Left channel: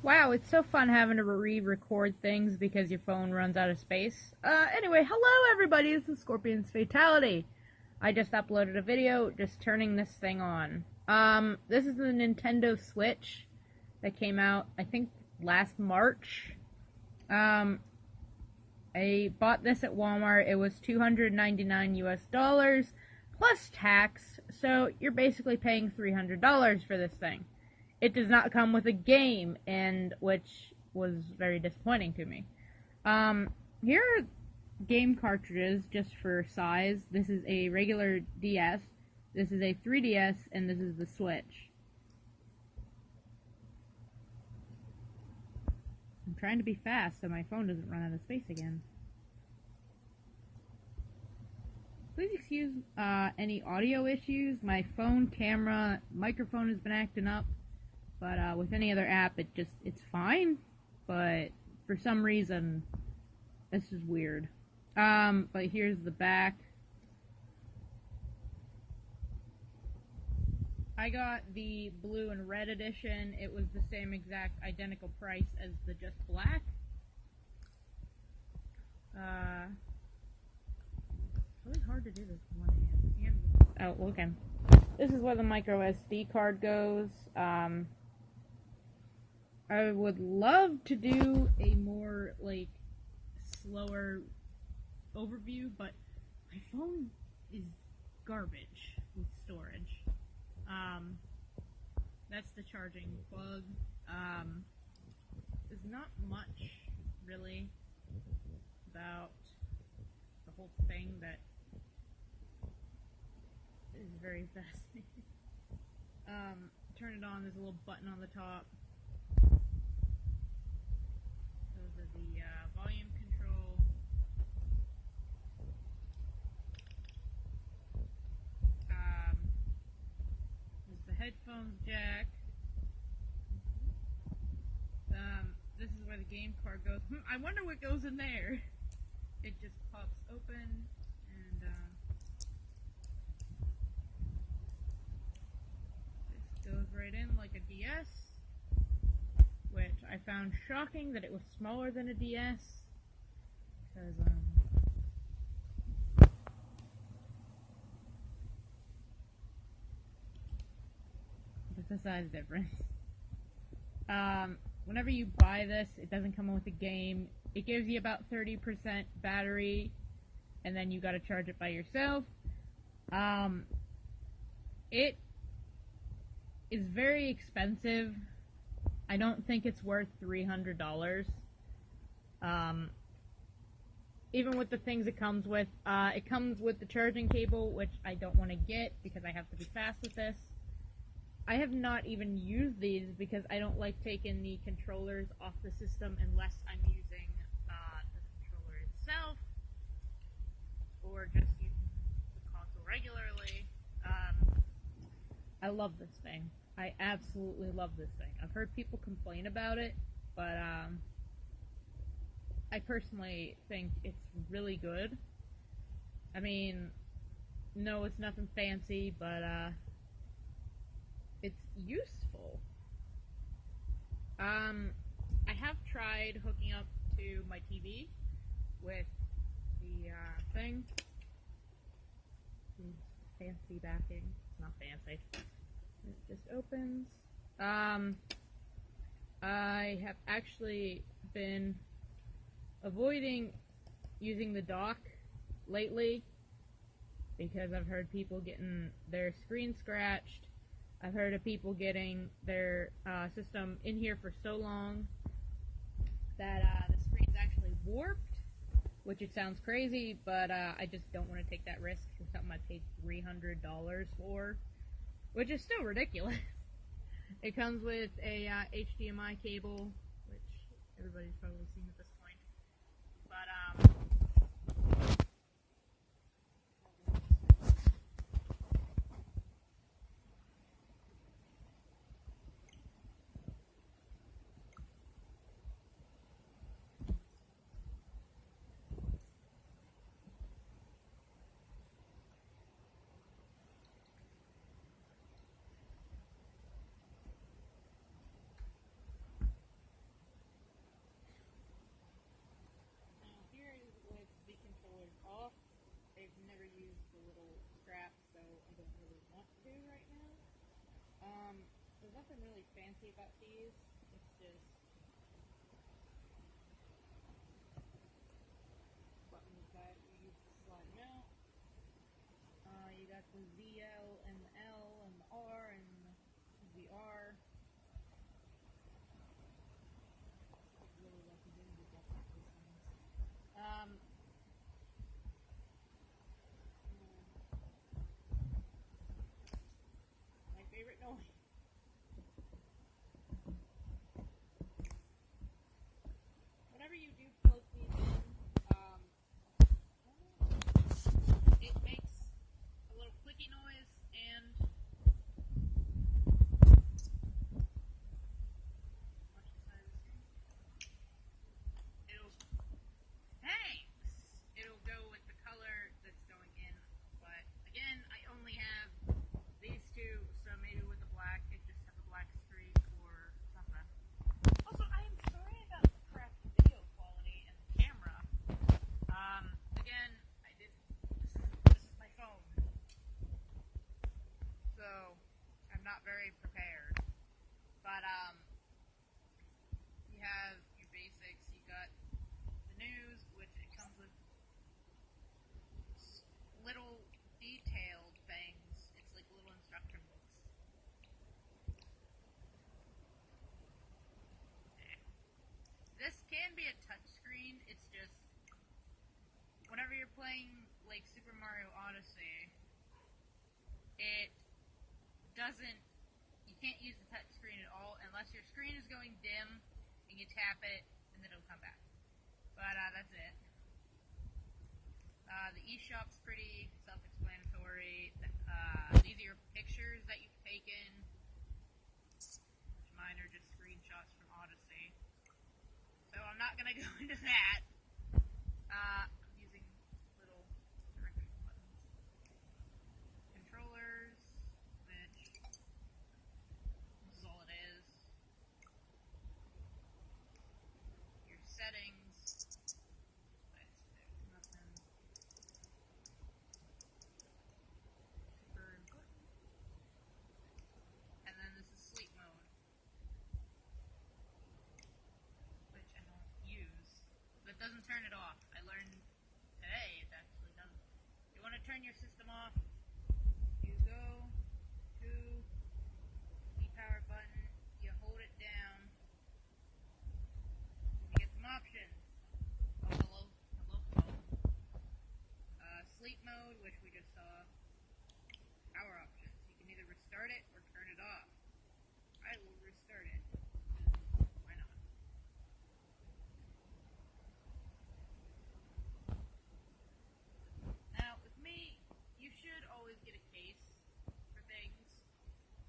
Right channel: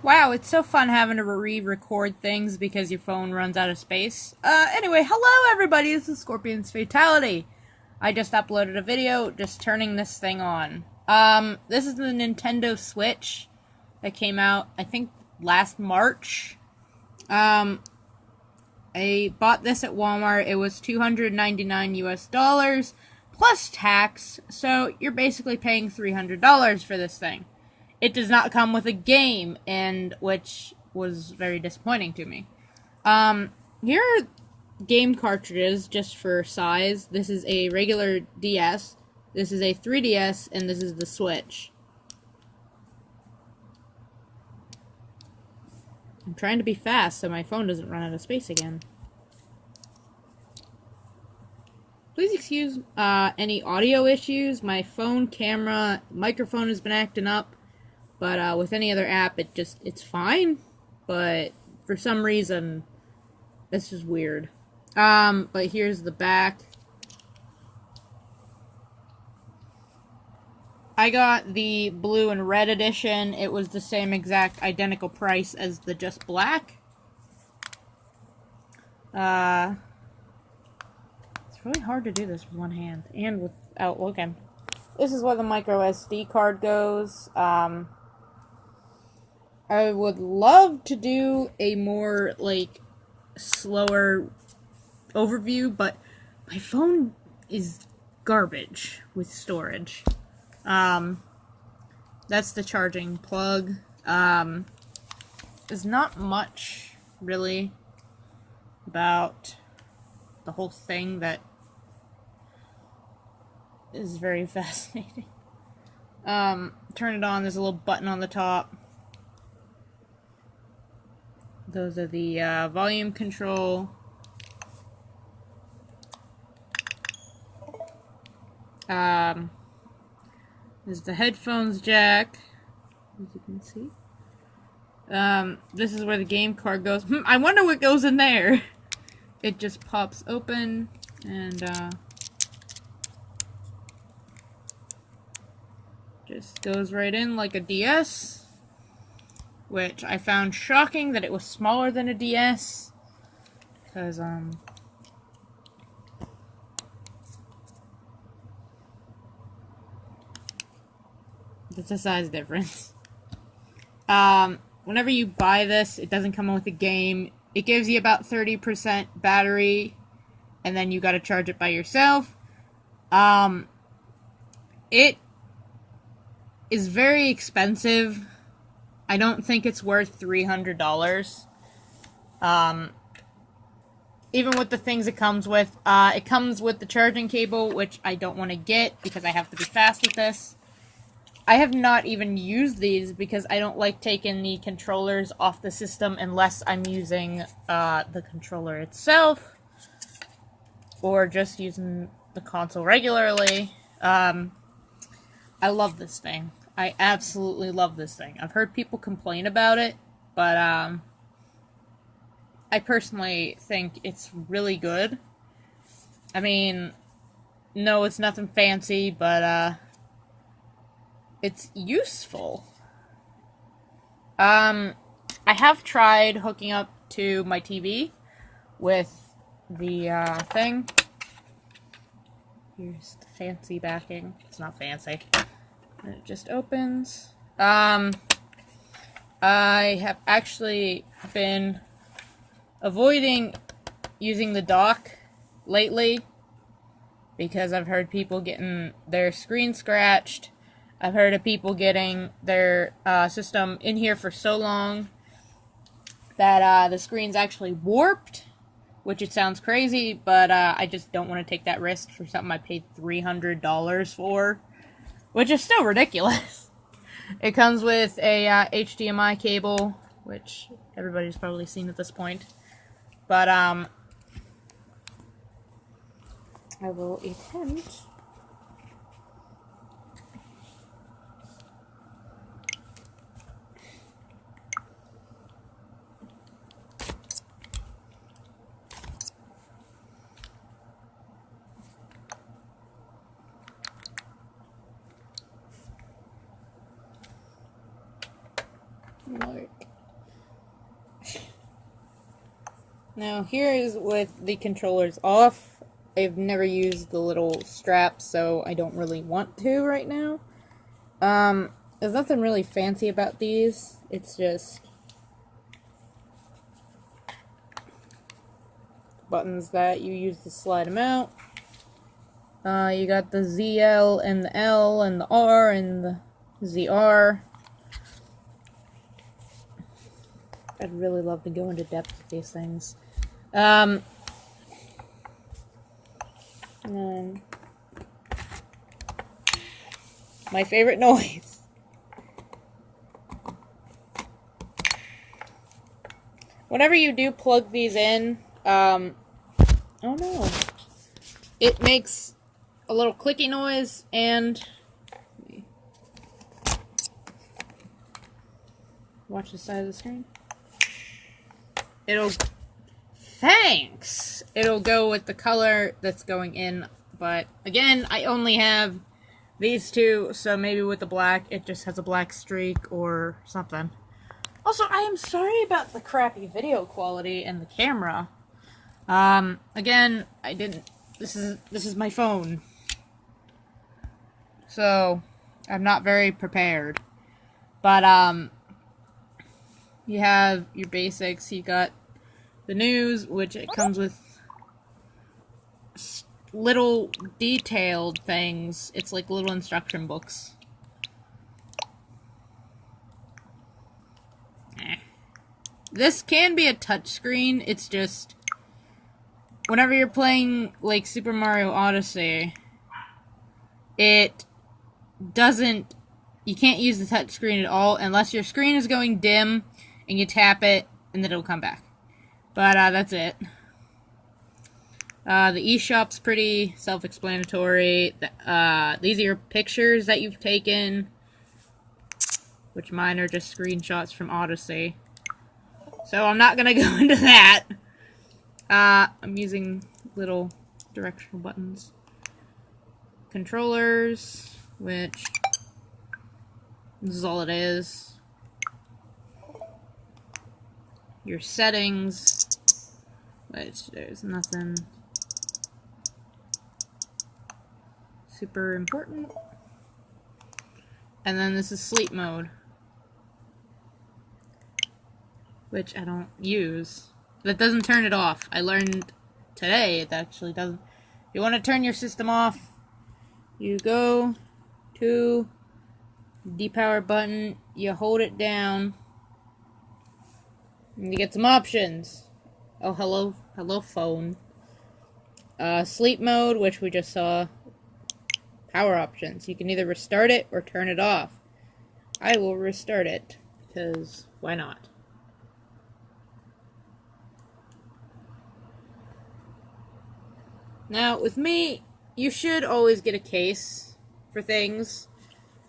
Wow, it's so fun having to re-record things because your phone runs out of space. Anyway, hello everybody, this is Scorpion's Fatality. I just uploaded a video just turning this thing on. This is the Nintendo Switch that came out, I think, last March. I bought this at Walmart. It was $299 US plus tax, so you're basically paying $300 for this thing. It does not come with a game, and which was very disappointing to me. Here are game cartridges just for size. This is a regular DS, this is a 3DS, and this is the Switch. I'm trying to be fast so my phone doesn't run out of space again. Please excuse any audio issues. My phone, camera, microphone has been acting up. But with any other app, it's fine. But for some reason, this is weird. But here's the back. I got the blue and red edition. It was the same exact identical price as the just black. It's really hard to do this with one hand and without looking. This is where the micro SD card goes. I would love to do a more, slower overview, but my phone is garbage with storage. That's the charging plug. There's not much, really, about the whole thing that is very fascinating. Turn it on, there's a little button on the top. Those are the volume control. There's the headphones jack, as you can see. This is where the game card goes. I wonder what goes in there. It just pops open and just goes right in like a DS. Which I found shocking that it was smaller than a DS. Because, it's a size difference. Whenever you buy this, it doesn't come with a game. It gives you about 30% battery, and then you gotta charge it by yourself. It is very expensive. I don't think it's worth $300. Even with the things it comes with the charging cable, which I don't want to get because I have to be fast with this. I have not even used these because I don't like taking the controllers off the system unless I'm using the controller itself or just using the console regularly. I love this thing. I absolutely love this thing. I've heard people complain about it, but I personally think it's really good. I mean, no, it's nothing fancy, but it's useful. I have tried hooking up to my TV with the thing. Here's the fancy backing. It's not fancy. And it just opens. I have actually been avoiding using the dock lately because I've heard people getting their screen scratched. I've heard of people getting their system in here for so long that the screen's actually warped, which it sounds crazy, but I just don't want to take that risk for something I paid $300 for. Which is still ridiculous. It comes with a HDMI cable, which everybody's probably seen at this point. But, I will attempt. Like Now here is with the controllers off. I've never used the little straps, so I don't really want to right now. There's nothing really fancy about these. It's just buttons that you use to slide them out. You got the ZL and the L and the R and the ZR. I'd really love to go into depth with these things. And my favorite noise. Whenever you do plug these in, oh no, it makes a little clicky noise, and watch the side of the screen. It'll go with the color that's going in, but again, I only have these two, so maybe with the black, it just has a black streak or something. Also, I am sorry about the crappy video quality and the camera. Again, this is my phone. So, I'm not very prepared. But, you have your basics. You got the news, which it comes with little detailed things. It's like little instruction books. This can be a touchscreen. It's just whenever you're playing like Super Mario Odyssey, it doesn't. You can't use the touchscreen at all unless your screen is going dim and you tap it, and then it'll come back. But that's it. The eShop's pretty self-explanatory. These are your pictures that you've taken, which mine are just screenshots from Odyssey. So I'm not gonna go into that. I'm using little directional buttons. Controllers, which this is all it is. Your settings, which there's nothing super important. And then this is sleep mode, which I don't use. That doesn't turn it off. I learned today it actually doesn't. If you want to turn your system off, you go to the power button, you hold it down, and you get some options. Oh, hello phone. Sleep mode, which we just saw. Power options. You can either restart it or turn it off. I will restart it, because why not? Now, with me, you should always get a case for things.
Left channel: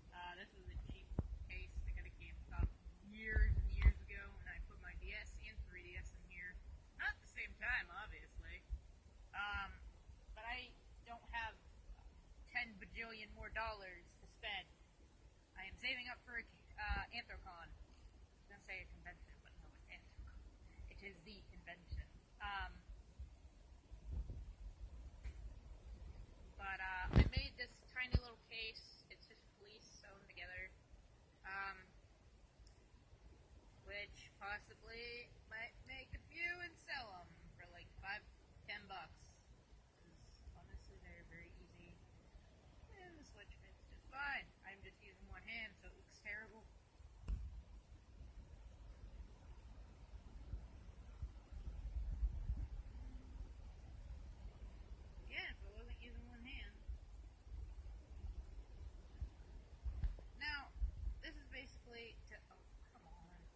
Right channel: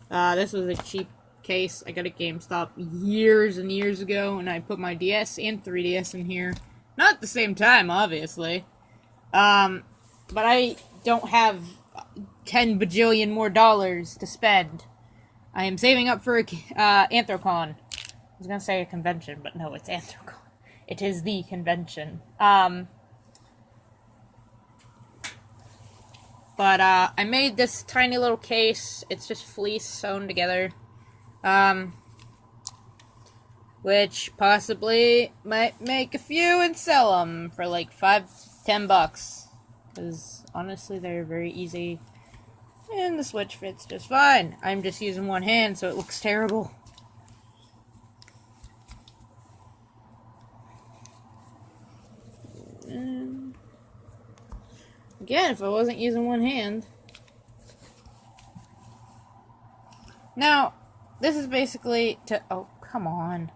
This was a cheap case. I got a GameStop years and years ago, and I put my DS and 3DS in here. Not at the same time, obviously. But I don't have 10 bajillion more dollars to spend. I am saving up for a Anthrocon. I was gonna say a convention, but no, it's Anthrocon. It is the convention. But I made this tiny little case. It's just fleece sewn together. Which possibly might make a few and sell them for like $5-10. Because honestly, they're very easy. And the switch fits just fine. I'm just using one hand, so it looks terrible. And again, if I wasn't using one hand. Now, this is basically to... Oh, come on.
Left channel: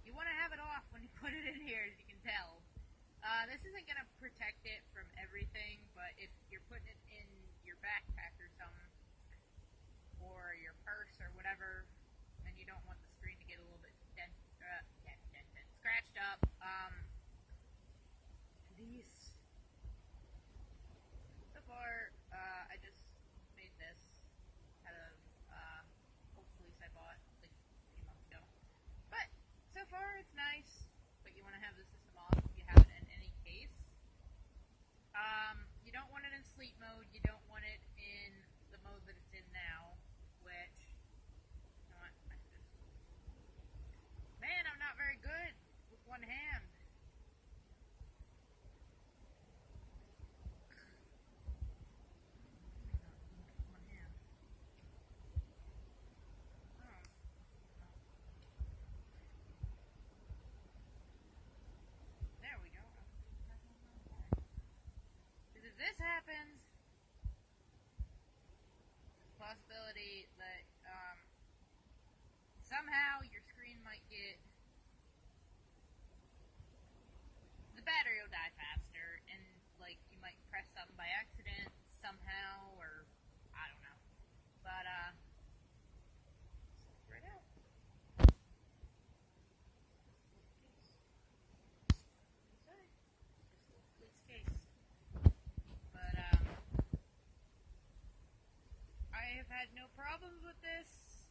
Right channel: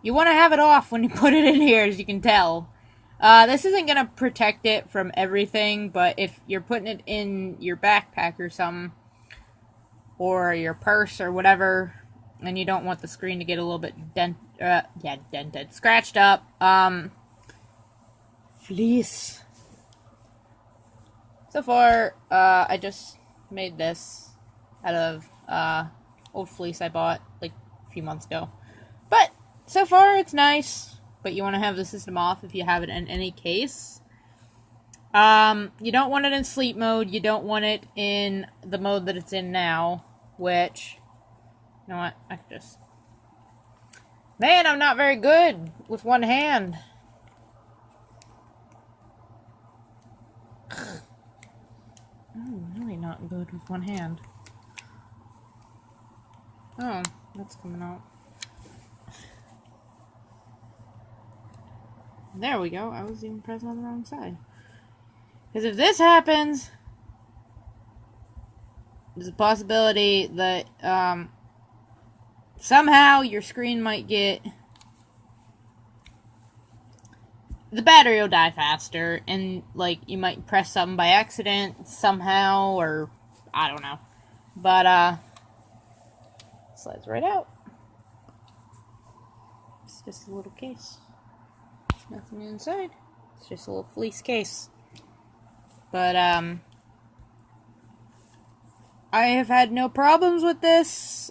You want to have it off when you put it in here, as you can tell. This isn't going to protect it from everything, but if you're putting it in your backpack or something, or your purse or whatever, and you don't want the screen to get a little bit dented, scratched up, fleece. So far, I just made this out of old fleece I bought like a few months ago. But so far, it's nice. but you want to have the system off if you have it in any case. You don't want it in sleep mode. You don't want it in the mode that it's in now, which, you know what, I can just... Man, I'm not very good with one hand. I'm really not good with one hand. Oh, that's coming out. There we go. I was even pressing on the wrong side. Because if this happens, there's a possibility that somehow your screen might get... The battery will die faster, and, like, you might press something by accident somehow, or I don't know. But, slides right out. It's just a little case. Nothing inside. It's just a little fleece case. But, I have had no problems with this.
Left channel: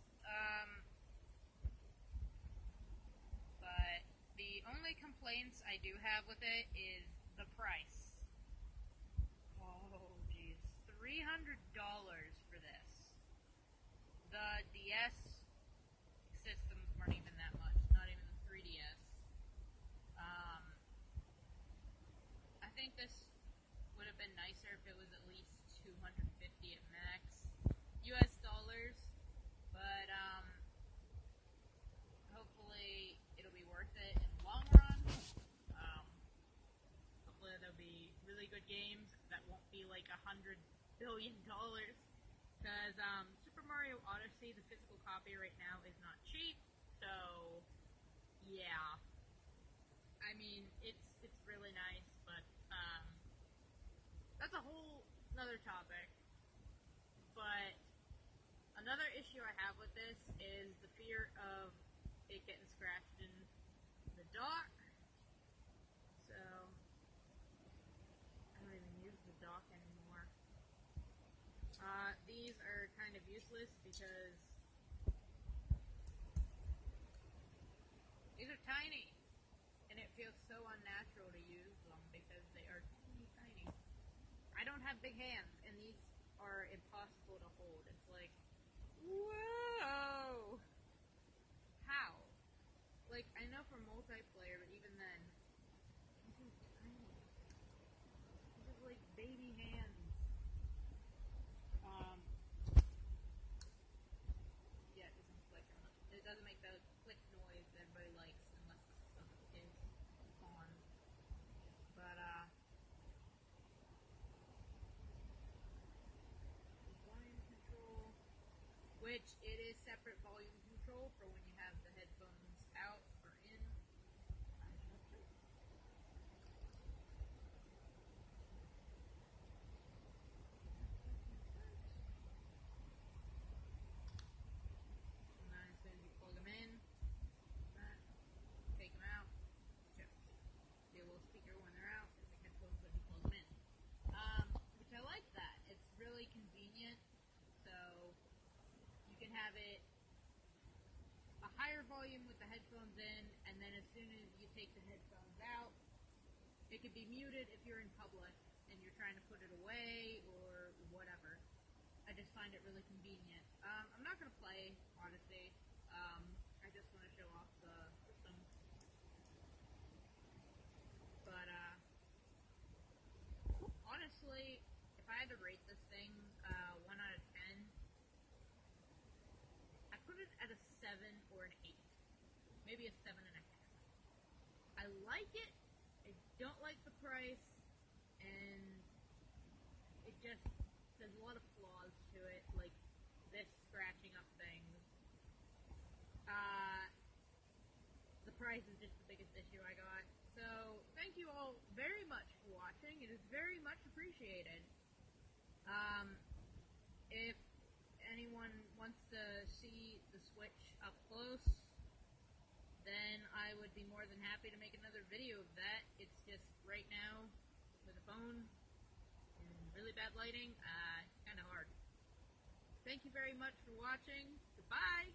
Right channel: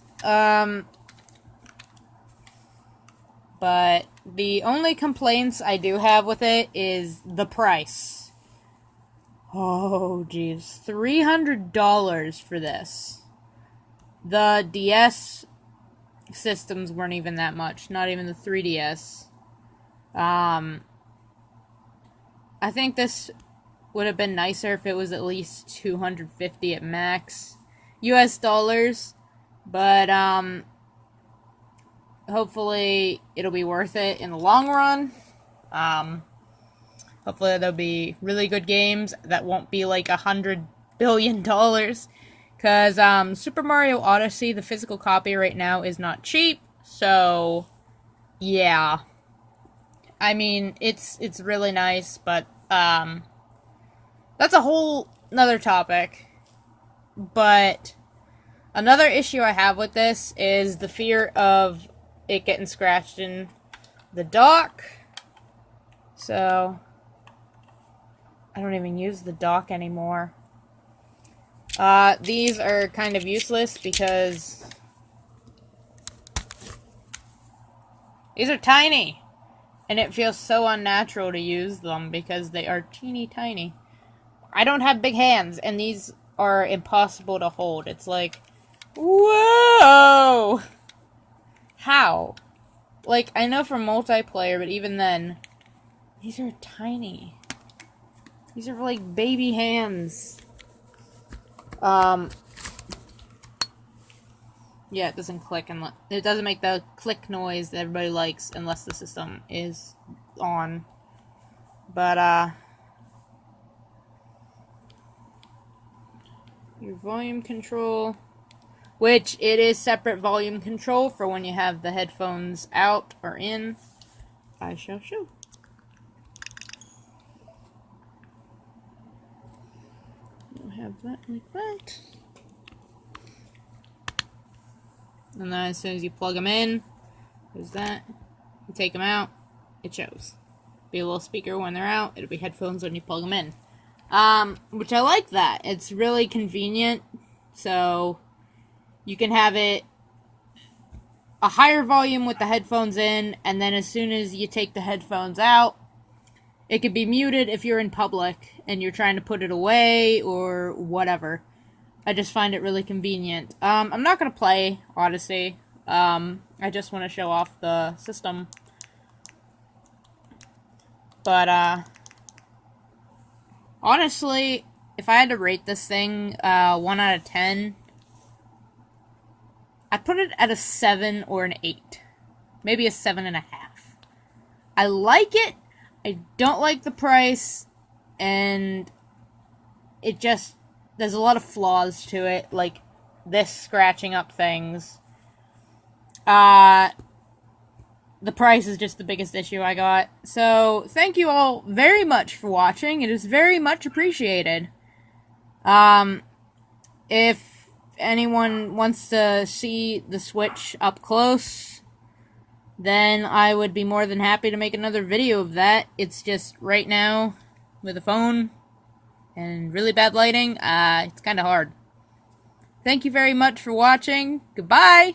But the only complaints I do have with it is the price. Oh, geez. $300 for this. The DS systems weren't even that much. Not even the 3DS. I think this would have been nicer if it was at least $250 at max. US dollars. But, hopefully it'll be worth it in the long run. Hopefully there'll be really good games that won't be like $100 billion. Because Super Mario Odyssey, the physical copy right now, is not cheap. So, yeah. I mean, it's really nice, but that's a whole nother topic. But another issue I have with this is the fear of it getting scratched in the dock. So, I don't even use the dock anymore. These are kind of useless because these are tiny. And it feels so unnatural to use them because they are teeny tiny. I don't have big hands, and these are impossible to hold. It's like, whoa! How? Like, I know for multiplayer, but even then, these are tiny. These are like baby hands. Yeah, it doesn't click and it doesn't make the click noise that everybody likes unless the system is on. But your volume control, which it is separate volume control for when you have the headphones out or in. I shall show. We'll have that like that. And then as soon as you plug them in, there's that. You take them out, it shows. Be a little speaker when they're out. It'll be headphones when you plug them in. Which I like that. It's really convenient. So you can have it a higher volume with the headphones in, and then as soon as you take the headphones out, it could be muted if you're in public and you're trying to put it away or whatever. I just find it really convenient. I'm not going to play Odyssey. I just want to show off the system. But, honestly, if I had to rate this thing 1 out of 10, I'd put it at a 7 or an 8. Maybe a 7.5. I like it. I don't like the price. And it just... There's a lot of flaws to it, like this scratching up things. The price is just the biggest issue I got. So, thank you all very much for watching. It is very much appreciated. If anyone wants to see the Switch up close, then I would be more than happy to make another video of that. It's just right now, with a phone and really bad lighting, it's kind of hard. Thank you very much for watching. Goodbye!